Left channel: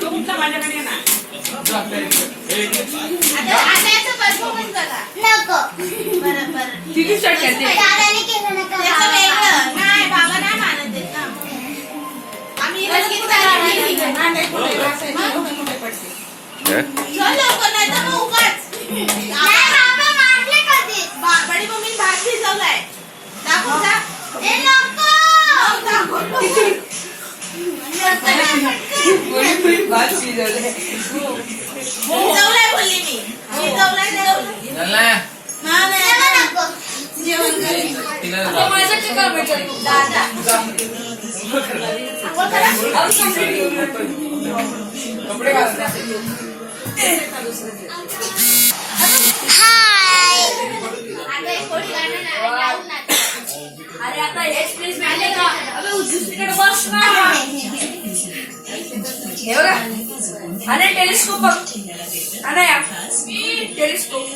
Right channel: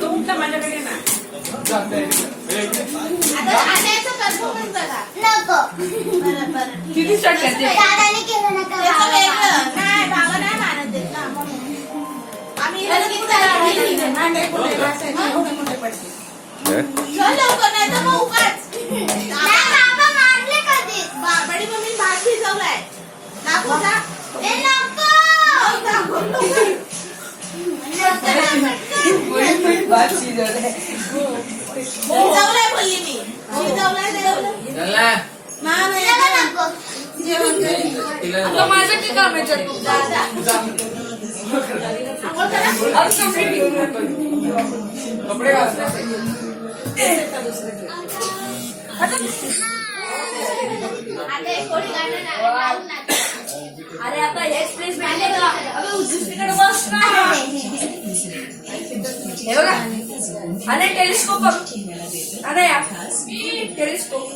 तुमच्या माझ्याकडे ना किती शर्ट घेते नाही बाबा नाही मानत देत ना आम्ही लवकर नाही तर मग उगाच बडी मम्मी भात भिजवलाय दाखव जा शिजवलाय बोलली मी शिजवलाय जेवण माझं काम आहे दादा कपडे अरे आता हेच प्लीज मिळाले का अबे उजवीकडे बस ना हे बघा अरे टेलिस्कोप बघ अरे टेलिस्कोप